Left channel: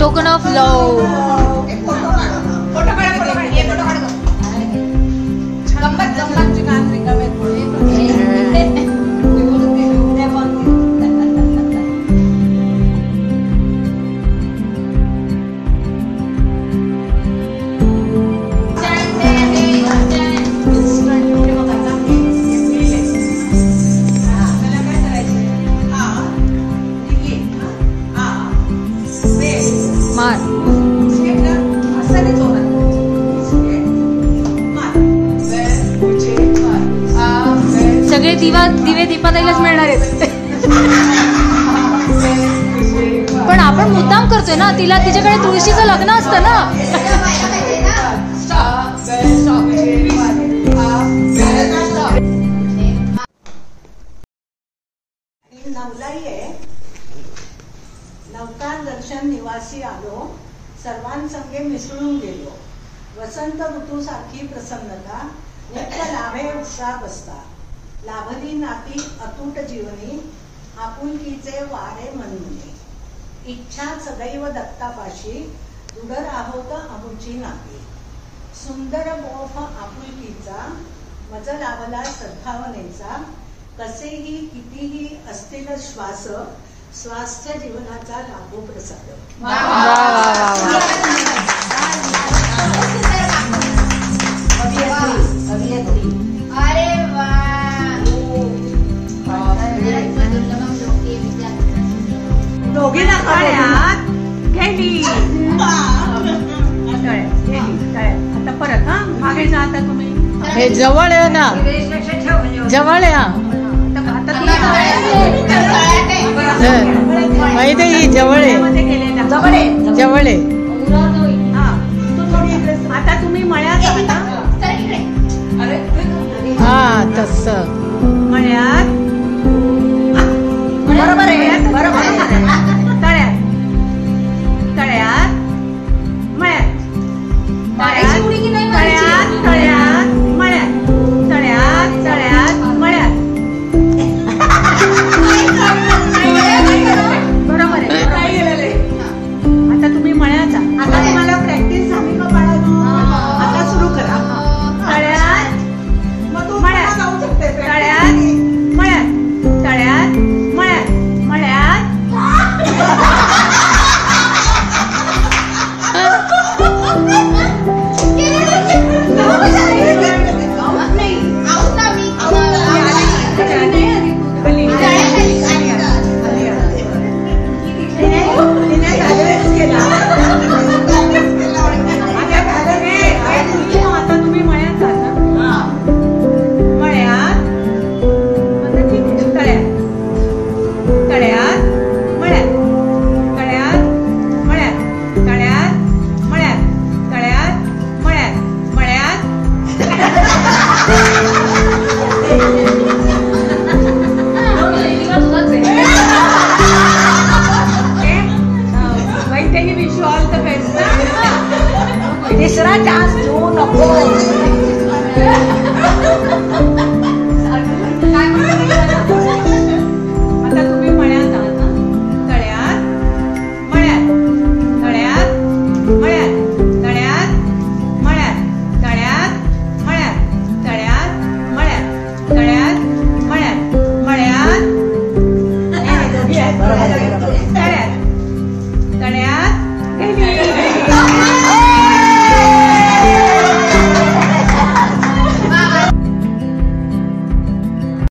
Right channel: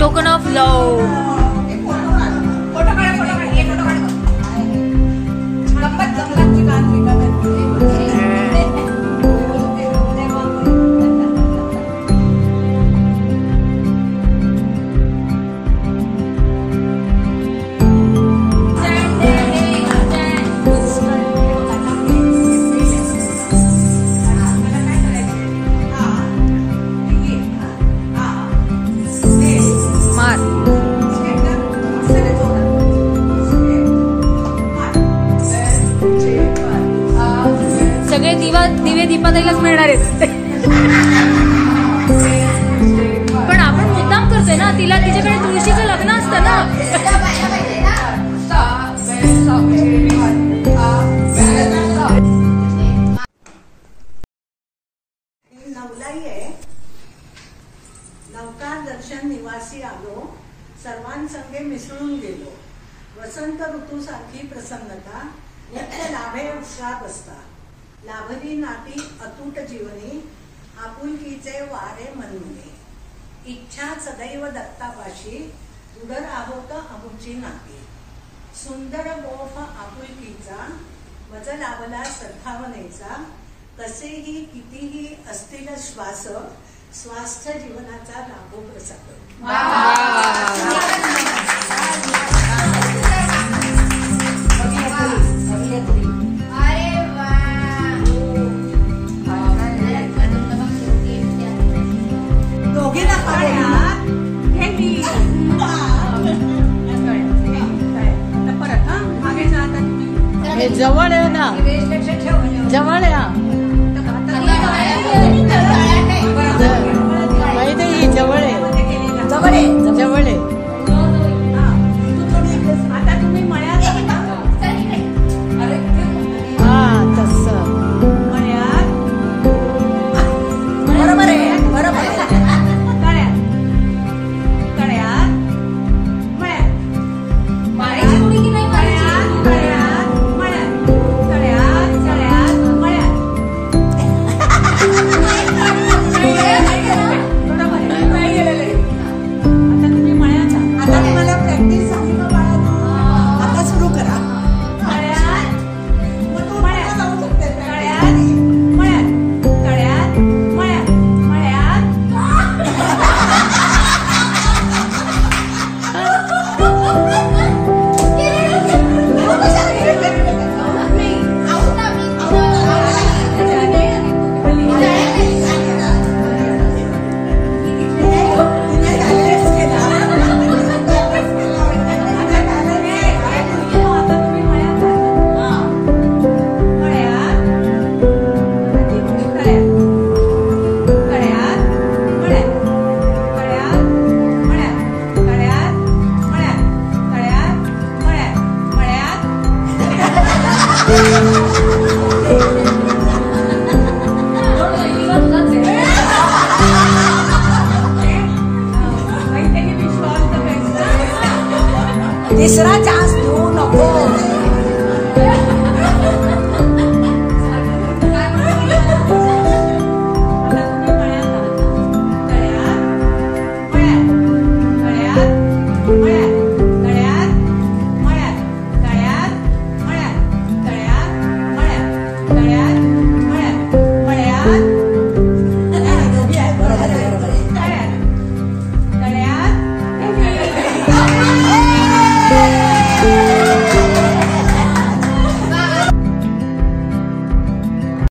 Token of लव. मार. सगळे दिवे दीपाताईलाच मिळणार आहेत. पण आपण मुद्दाम करतोय ना, तिला तिच्याकडे तुळशीचं लग्न असतं ना. नवलाई आहे. नौका दर्शन निवासी आलो, सर्वांसंगे मिसळून गेलो. वसंत ऋतूसारखी प्रसन्नता, नित्य लाभे उत्साह बसता. लाभली नाती अतूट जीवनी, आपुलकीचे वारे मनमुनी. इच्छा सदैव दत्तापाशी, दुडर आहोत अमुची नाती. सुंदर गोफ आपुलकीचा, मज लाभला सद्भावनेचा. कसेही कितीही असतील श्वास, स्वास्थ्य जीवनाचा लाभो प्रसाद. हे जवळ आहे ना, जवळ आहे. माहिती आहे, ही जवळ आहे, जवळ आहे. आता तुम्ही मळ्यात हा तसं.